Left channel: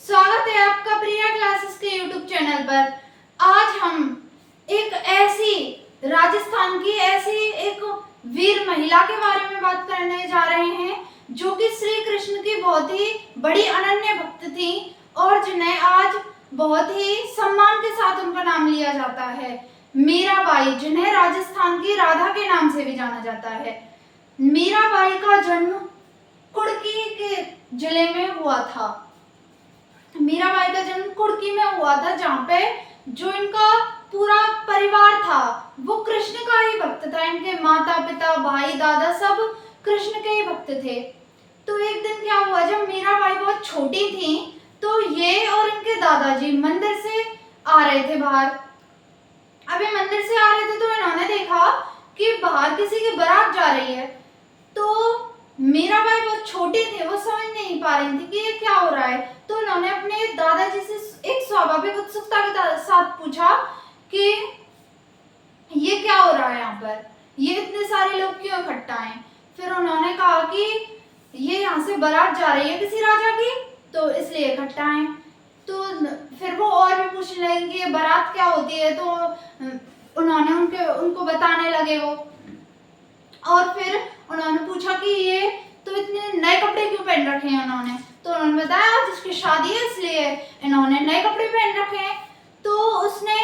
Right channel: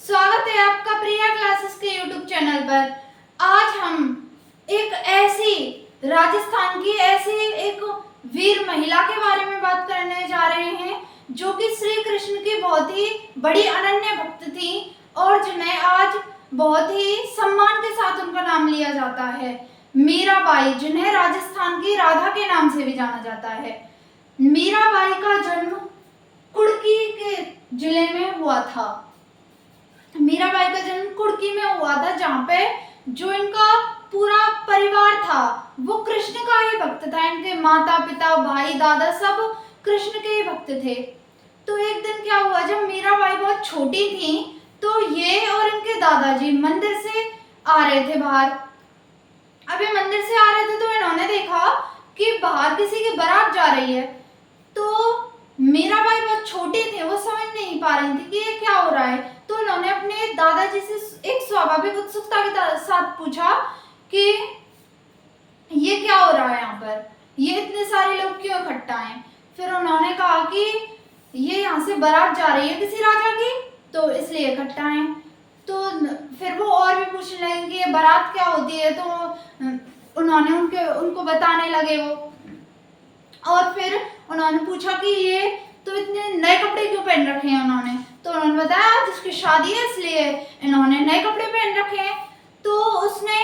स्वागत है आपका प्रिया क्लासेस के यूट्यूब चैनल पर। आज हम एक ऐसी राजस्थान की ऐसी एक वीर महिला के बारे में बात करने जा रहे हैं जो कि श्री कृष्ण की बहुत ही बड़ी अनन्य भक्त थी और जिन्हें आज बहुत ही सम्मान के साथ उनका नाम लिया जाता है। मीराबाई, जिन्हें राजस्थान की राधा के नाम से भी जाना जाता है। मीराबाई का जन्म कुड़की के जिले में हुआ था। मीराबाई का जन्म कुड़की में हुआ था, जहाँ पे जो इनका पूरा परिवार था वो कृष्ण का ही भक्त था। इनके माता पिता भाई दादा सब कृष्ण के ही भक्त थे। तो एक दिन क्या हुआ, जब मीराबाई बहुत छोटी थी तो ये और इनके दादाजी मंदिर से आ रहे थे बाहर। अभी मंदिर से आ रहे थे तो इन्होंने देखा कि बाहर किसी की बारात जा रही है। तो मीराबाई बहुत छोटी थी, वो समझ नहीं पा रही थी कि ये क्या हो रहा है। तो उन्होंने अपने दादाजी से एक स्वाभाविक उत्सुकता के साथ पूछा कि ये क्या हो रहा है यहाँ पर, ये इतने सारे लोग क्यों इकट्ठा हैं। फिर उन्होंने कहा कि ये यहाँ से बारात जा रही है किसी राजा की, तो इसलिए इकट्ठा हैं। तो फिर वो और भी पूछने लगे कि ये बारात क्या होती है, तो उन्होंने उनको बताने लगे वो। और फिर उन्होंने पूछा कि ये तो इतने नए कपड़े क्यों पहन रखे हैं उन्होंने। तो उन्होंने बताया जिसकी शादी है इसलिए इन्होंने नए कपड़े पहन रखे हैं। तो उसने,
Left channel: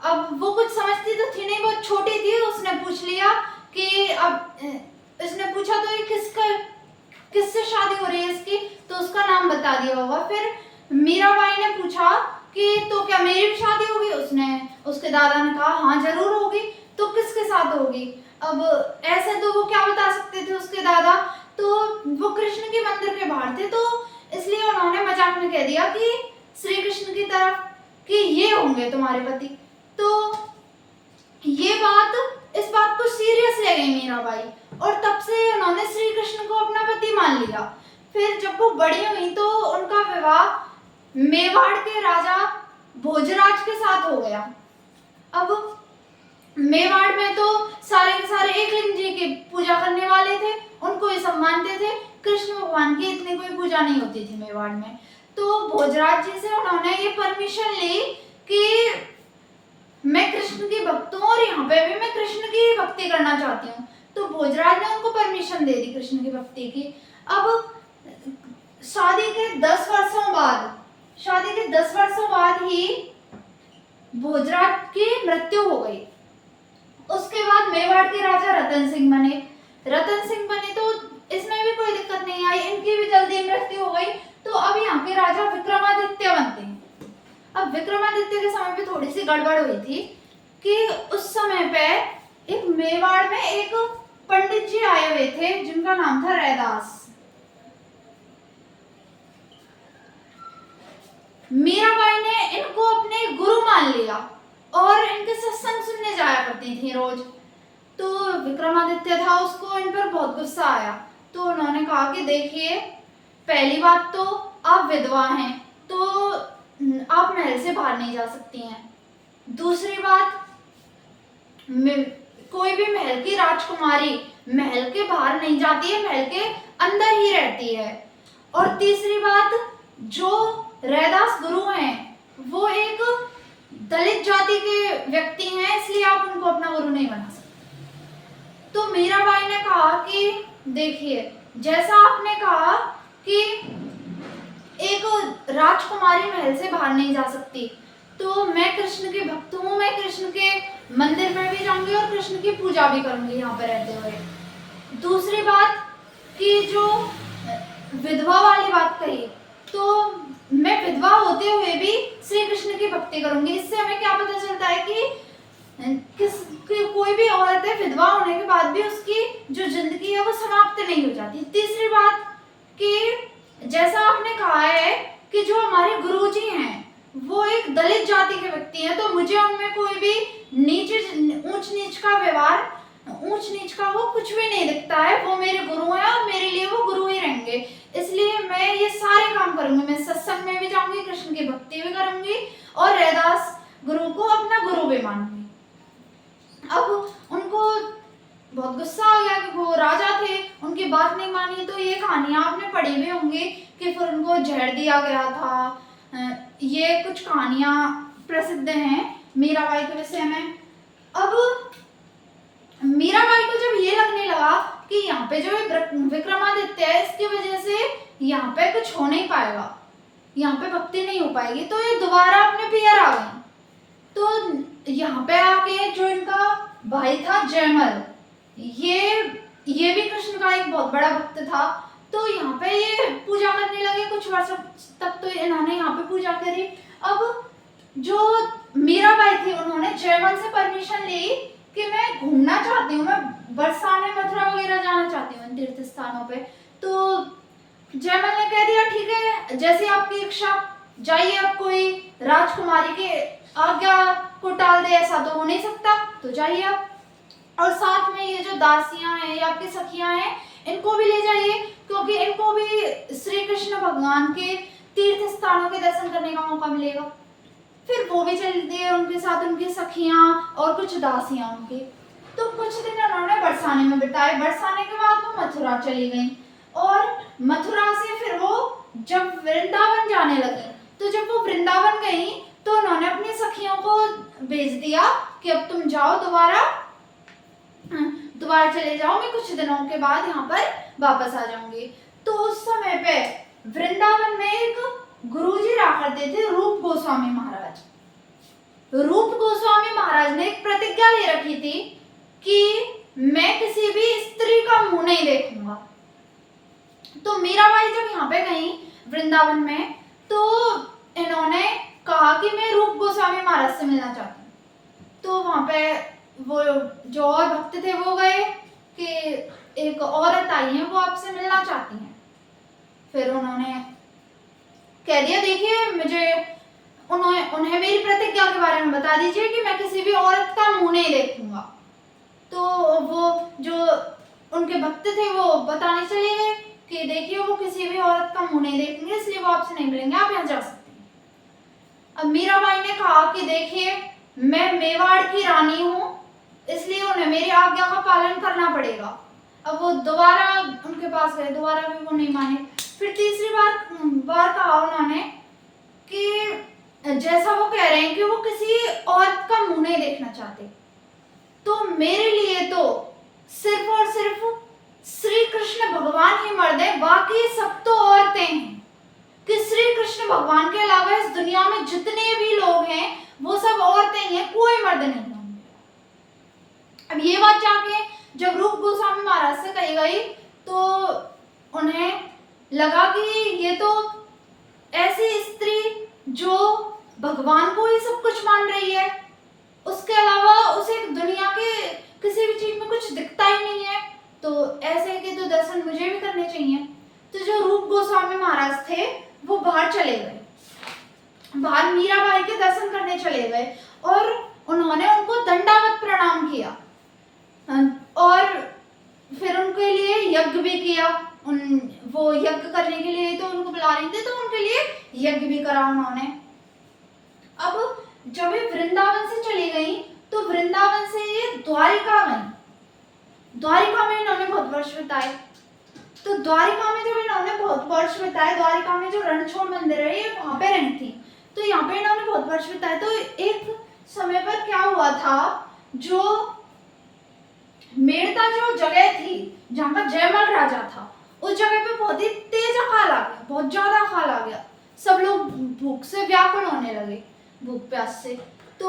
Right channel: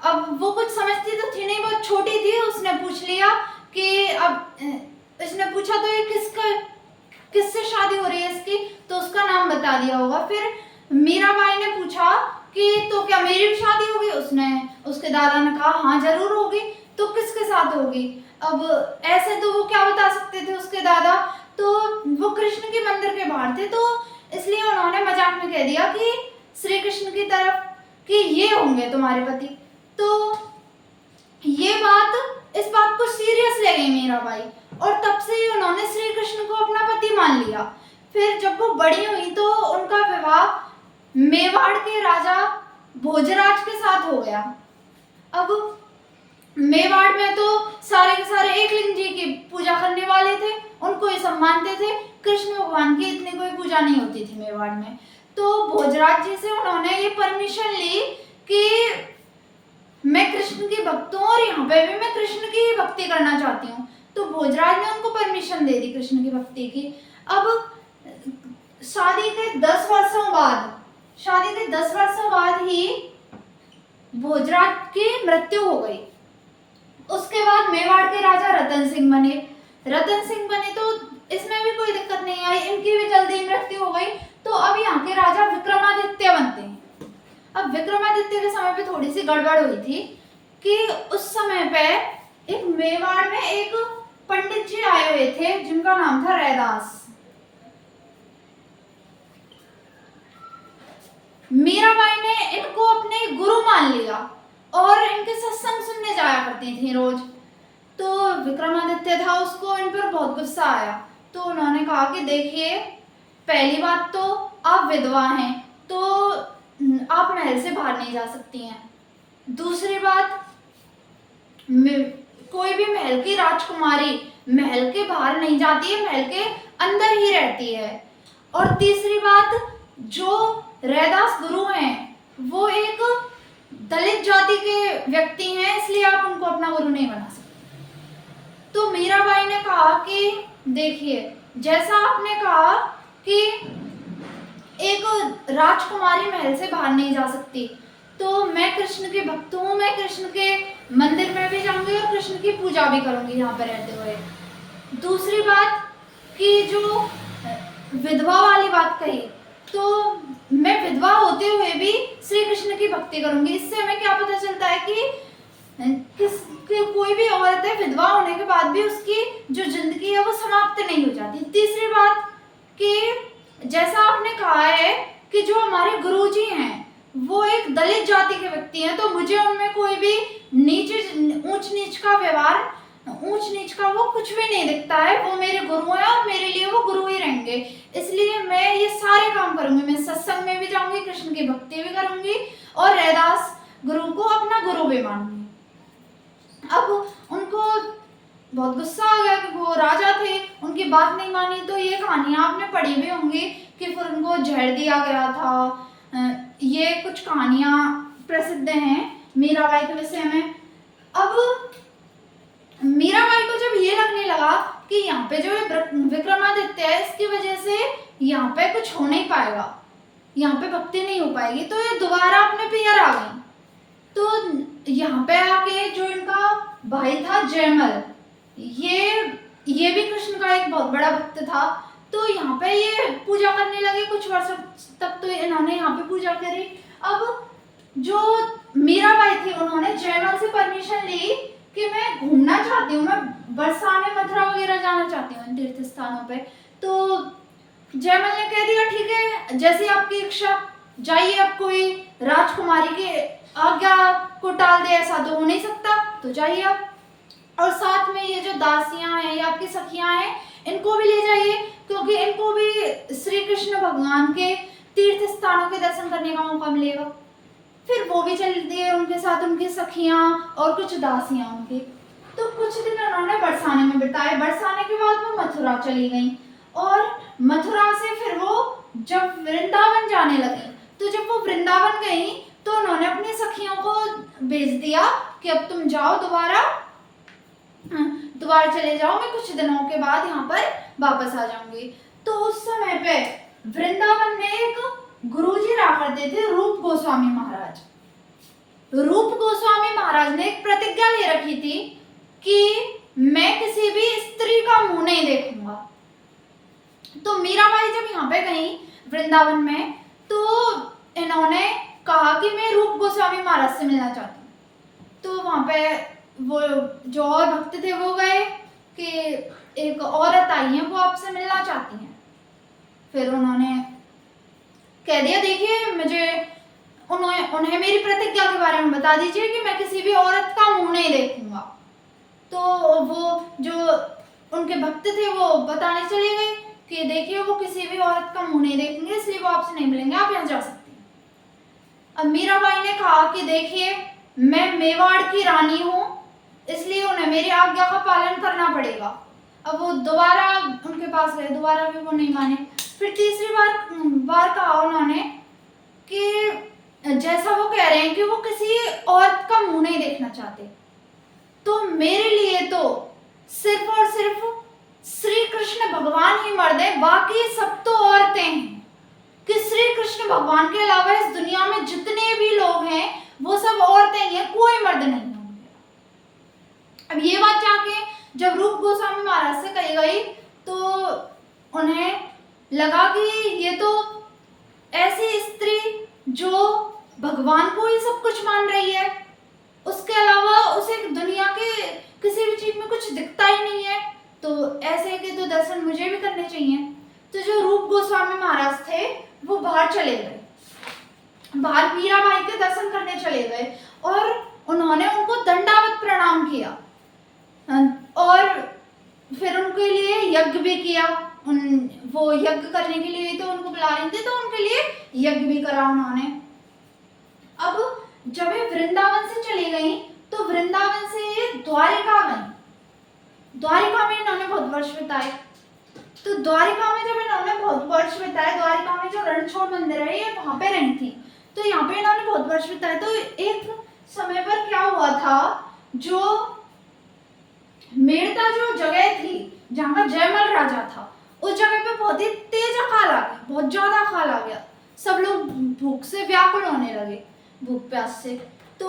अब वो कुछ समझती तो थी नहीं, बहुत छोटी थी, उसने पूछ लिया कि अब इसने पूछा तो ये किससे शादी हो रही है इसकी, तो उसका नाम बता दिया होगा। फिर मीराबाई ने पूछा कि तो क्या मेरी भी शादी होगी। उसके दादा ने कहा हाँ जरूर होगी। तो किसके साथ होगी। अब ऐसे तो वो क्या बता सकते थे उसके दादा, तो वो कृष्ण के मंदिर के बाहर थे, तो इसलिए उन्होंने मजाक में कह दिया कि श्री कृष्ण की तरफ कि ये होंगे तुम्हारे पति। तो इस बात को सीरियस ले गई मीराबाई और तब से उन्होंने श्री कृष्ण को अपना पति मान लिया। फिर जब वो बड़ी हुई तो उनका विवाह मेवाड़ के राजा भोजराज के साथ हो गया। अब मेवाड़ में तो सारे के सारे एकलिंग जी की पूजा करने वाले थे, उनको ही सब मानते थे। कृष्ण भगवान की इतनी कोई पूजा नहीं होती थी मेवाड़ में। तो भोजराज जी से उन्होंने ये परमिशन ली कि मैं कृष्ण की भक्त हूँ और यहाँ पे भी मैं कृष्ण की भक्ति करना चाहती हूँ। तो भोजराज ने उनको परमिशन दे दी कृष्ण की भक्ति की। अब शादी के 10 वर्षों बाद ही भोजराज की मृत्यु हो गई। उसके बाद मेवाड़ के राजा रतन सिंह बने तो इसमें भी कोई दिक्कत नहीं आई, इनकी भी जल्दी मृत्यु हो गई। तो अब यहाँ के राजा विक्रमादित्य बनते हैं। अब विक्रमादित्य के समय पे थोड़ी सी गड़बड़ हुई थी कि उस समय पे एक मेवाड़ में एक पंडित जी आए हुए थे जिनका नाम था रैदास। मीराबाई ने इनको अपने गुरु मान लिया और इनके सत्संग सुनने जाया करती थी रोज। तो विक्रमादित्य था, उसको इन पर बहुत गुस्सा आया। तो उन्होंने कहा कि देखिए, पहली बात तो आप विधवा हैं तो आप महल से बाहर नहीं जा सकती हैं। दूसरी बात, कोई भी महल की राजकुमारी महल के बाहर नहीं जाती है, महल के अंदर ही रहती है। और तीसरी बात, जो रैदास गुरु हैं वो एक दलित जाति के व्यक्ति हैं, इसलिए आप उनको अपना गुरु नहीं बना सकते। तो मीराबाई ने कहा कि देखिए, जैसा आपने कहा कि एक राजकुमारी महल से बाहर नहीं जा सकती, तो मैं कृष्ण के भक्त हूँ, मैं कृष्ण के मंदिर में भी जाऊंगी और कृष्ण की पूजा भी करूंगी यहाँ पर रहते हुए। दूसरी बात कि जो विधवा वाली बात कही, तो मैं विधवा होते हुए भी श्री कृष्ण की भक्ति करूंगी। इससे हमें क्या पता चलता है कि कोई भी औरत है, विधवा होने के बाद भी उसकी जो जिंदगी है वो समाप्त नहीं हो जाती। तीसरी बात कि जैसा आपने कहा है कि जो हमारे गुरुजी हैं वो एक दलित जाति के व्यक्ति हैं, तो मुझे उनमें कोई भी ऊंच नीच का वो कुछ भी नहीं दिखता है। वो मेरे गुरु हैं और मेरे लिए वो गुरु ही रहेंगे। इसलिए मैं ये सारे काम करूंगी, मैं सत्संग में भी जाऊंगी, कृष्ण की भक्ति भी करूंगी और रैदास गुरु को अपना गुरु भी मानूंगी। अब उनको बहुत गुस्सा आ गया कि वो राजा थे, उनकी बात नहीं मानी। तो ये कहानियां आपने पढ़ी भी होंगी कि फिर उनको जहर दिया गया था। ये कुछ कहानियां प्रसिद्ध हैं मीराबाई के विषय में। अब मीराबाई को जब ये लगने लगा कि यहाँ पे जो विक्रमादित्य है, इसकी वजह से यहाँ पे कुछ हो नहीं पाएगा, यहाँ पे भक्ति नहीं हो पाएगी, तो ये दोबारा अपने पियर आ गई। तो यहाँ पे आके जो इनका भाई था जयमल, ये भी कृष्ण का एक बहुत बड़ा भक्त था। तो यहाँ पे ये पूजा करने लगे, कुछ वर्षों तक तो इन्होंने यहाँ पे पूजा करी। अब जो मीराबाई थी, उन्होंने जयमल से परमिशन ली कि मैं घूमना चाहती हूँ, मैं बरसाने मथुरा वगैरह जाना चाहती हूँ तीर्थ स्थानों पे। तो जयमल ने कह दिया ठीक है, जैसी आपकी इच्छा, जाइए। अब कोई राजकुमारी के आज्ञा को टाल दे ऐसा तो हो नहीं सकता, तो जाइए आप। और साथ में ये जो दासियां हैं या आपकी सखियां हैं, इनको भी ले जाइए, क्योंकि इनको भी श्री कृष्ण भगवान के तीर्थ स्थानों के दर्शन करने का मौका मिलेगा। फिर वो भी चल दिए उनके साथ, उनकी सखियां और कुछ दासियां उनके। तो कुछ दिन उन्होंने बरसाने में बिताए। बरसाने के बाद वो मथुरा चली गई, और मथुरा से फिर वो जब वृंदावन जाने लगी, तो जब वो वृंदावन गई तो उन्होंने अपनी सखियों को भेज दिया कि अब तुम जाओ, दोबारा चले जाओ, मैं कुछ दिनों के बाद यहाँ पर वापस आ जाऊंगी। तो उस समय पे वृंदावन में एक गुरुजी रहा करते थे, रूप गोस्वामी महाराज। रूप गोस्वामी महाराज ने एक प्रतिज्ञा ले रखी थी कि मैं किसी भी स्त्री का मुंह नहीं देखूंगा। तो मीराबाई जब यहाँ पे गई वृंदावन में, तो इन्होंने कहा कि मैं रूप गोस्वामी महाराज से मिलना चाहती हूँ। तो वहाँ पे वो जो और भक्त थे वो गए कि एक औरत आई है, वो आपसे मिलना चाहती हैं। फिर उन्होंने कह दिया देखिए, उन्हें मेरी प्रतिज्ञा के बारे में बता दीजिए कि मैं किसी भी औरत का मुंह नहीं देखूंगा। तो वो जो उनके भक्त थे वो बताने चले गए कि देखिए वो किसी भी औरत का मुंह नहीं देखेंगे, इसलिए वो आपसे नहीं मिलेंगे, आप यहाँ जा सकते हैं। अब मीराबाई ने कहा कि देखिए मैं मेवाड़ की रानी हूँ, इसलिए उन्हें मेरी आज्ञा का पालन करना पड़ेगा। अब वो दोबारा उनके पास गए, दोबारा भी वो नहीं माने। फिर तीसरी बार कहा उन्होंने कि जैसा वो कह रहे हैं कि वो किसी औरत का मुंह नहीं देखना चाहते, तो मेरे लिए तो सिर्फ और सिर्फ श्री कृष्ण भगवान ही मर्द है, बाकी सब तो औरतें हैं। कि श्री कृष्ण भगवान के अलावा इस दुनिया में जितने भी लोग हैं वो सब औरतें ही हैं, कोई मर्द नहीं होंगे। अब ये बात जाके जब रूप गोस्वामी महाराज से कही गई, तो उन्हें लगा कि ये तो ऐसी स्त्री जो भगवान को ही सब कुछ मान रही है, उसके अलावा उसे दुनिया के किसी भी चीज में कुछ दिखता ही नहीं है, तो ऐसे के तो दर्शन मुझे भी करने चाहिए। तो जो रूप गोस्वामी महाराज थे वो बाहर चले गए, बाहर मीराबाई के दर्शन करने चले गए, और उन्होंने उनको दंडावत प्रणाम किया, और फिर उनके लिए यज्ञ भी किया। वो यज्ञ करने के लिए तो उनको बुला रहे थे, तो उनके लिए यज्ञ भी करा उन्होंने। अब जब ये वृंदावन से चली गई, तो वृंदावन से ये द्वारिका गई। द्वारिका में इन्होंने बहुत वर्ष बिताए। तो द्वारिका में जब इन्होंने बहुत वर्ष बिताए, द्वारिका में जो रणछोड़ मंदिर है ये वहां पे रही थी, तो यहाँ पे इन्होंने बहुत वर्ष बिताए। तो एक समय पर क्या हुआ था, जो मेड़ता जो जगह थी जहाँ का जयमल राजा था, उस जगह पे बहुत ही तेज अकाल आ गया, बहुत ज्यादा अकाल आ गया। सब लोग भूख से व्याकुल होने लगे, भूख प्यास से। तो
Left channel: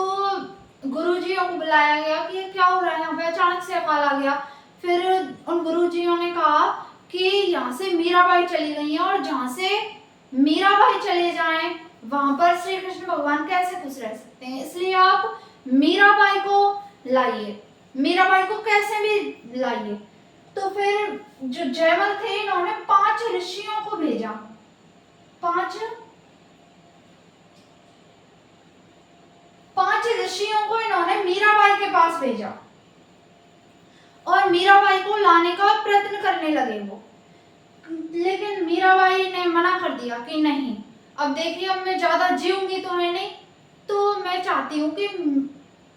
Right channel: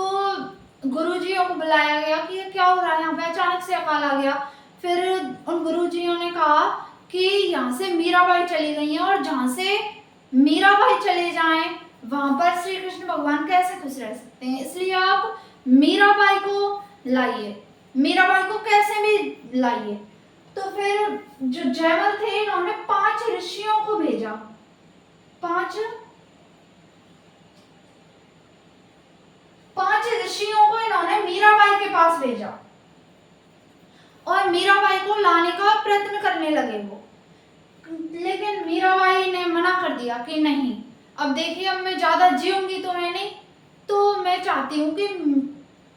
गुरुजियों को बुलाया गया कि क्या हो रहा है यहाँ पे, अचानक से अकाल आ गया। फिर उन गुरुजियों ने कहा कि यहाँ से मीराबाई चली गई हैं, और जहाँ से मीराबाई चले जाएं वहां पर श्री कृष्ण भगवान कैसे खुश रह सकते हैं, इसलिए आप मीराबाई को लाइए, मीराबाई को कैसे भी लाइए। तो फिर जो जयमल थे इन्होंने 5 ऋषियों को भेजा, 5 ऋषियों को इन्होंने मीराबाई के पास भेजा, और मीराबाई को लाने का प्रयत्न करने लगे वो। लेकिन मीराबाई ने मना कर दिया कि नहीं, अब देखिए अब मैं ज्यादा जीऊंगी तो है नहीं, तो मैं चाहती हूँ कि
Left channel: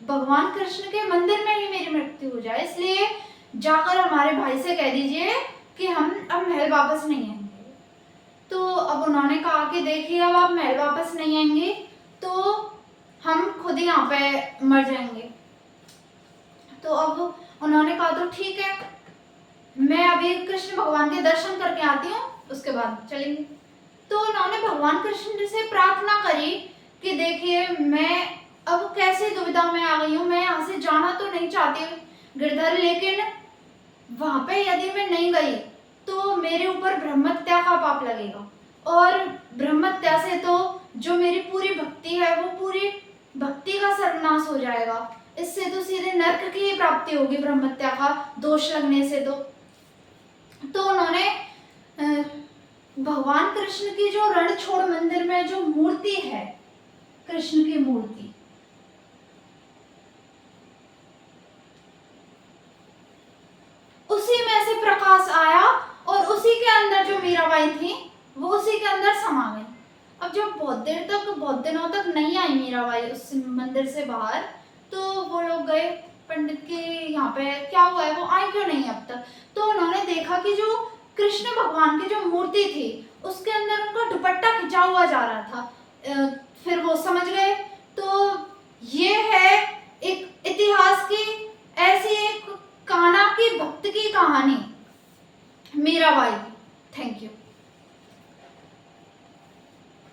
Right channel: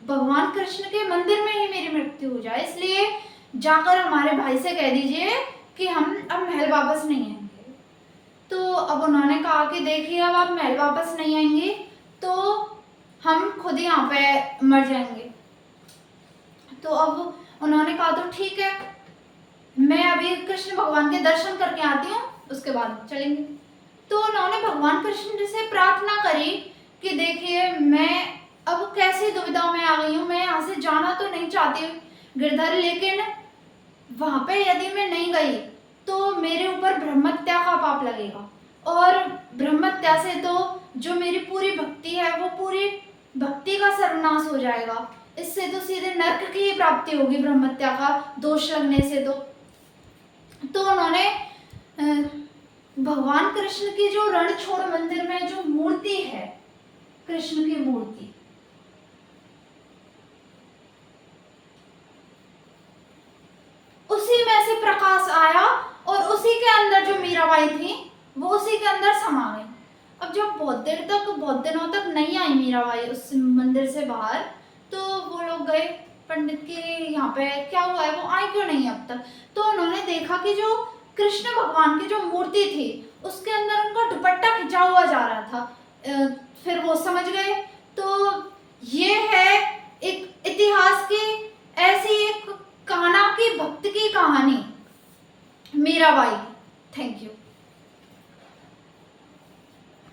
भगवान कृष्ण के मंदिर में ही मेरी मृत्यु हो जाए, इसलिए जाकर हमारे भाई से कह दीजिए कि हम अब महल वापस नहीं आएंगे। तो अब उन्होंने कहा कि देखिए अब आप महल वापस नहीं आएंगे तो हम खुद ही यहाँ पे मर जाएंगे। तो अब उन्होंने कहा तो ठीक है, मैं अभी कृष्ण भगवान के दर्शन करके आती हूँ, उसके बाद चलेंगे। तो उन्होंने भगवान कृष्ण से प्रार्थना करी कि देखिए मैं अब कैसी दुविधा में आ गई हूँ, मैं यहाँ से जाना तो नहीं चाहती गिरधर, लेकिन वहां पे यदि मैं नहीं गई तो मेरे ऊपर ब्रह्महत्या का पाप लगेगा, और ब्रह्महत्या से तो जो मेरी पूरी भक्ति है वो पूरी भक्ति का सर्वनाश हो जाएगा, इससे तो सीधे नरक की ही प्राप्ति होगी ब्रह्महत्या का दोष लगने से। तो उन्होंने भगवान कृष्ण की जो रणछोड़ मंदिर में जो मूर्ति है, कृष्ण की मूर्ति, उसी में से प्रकाश आया और उसी के अंदर जो मीराबाई थी वो उसी के अंदर समा गई। अब जब बहुत दिनों तक नहीं आई मीराबाई उस मंदिर से बाहर, तो वो लोग गए पंडित के यहाँ पे, क्या हुआ है, वो आई क्यों नहीं अब तक। तो उन्होंने देखा कि जो कृष्ण भगवान की जो मूर्ति थी उसके अंदर उनका दुपट्टा खिंचा हुआ जा रहा था। फिर वो समझ गए। तो ये है एक इतिहास की ऐसी एक कान्हा की भक्त की कहानी मीराबाई की। Thank you.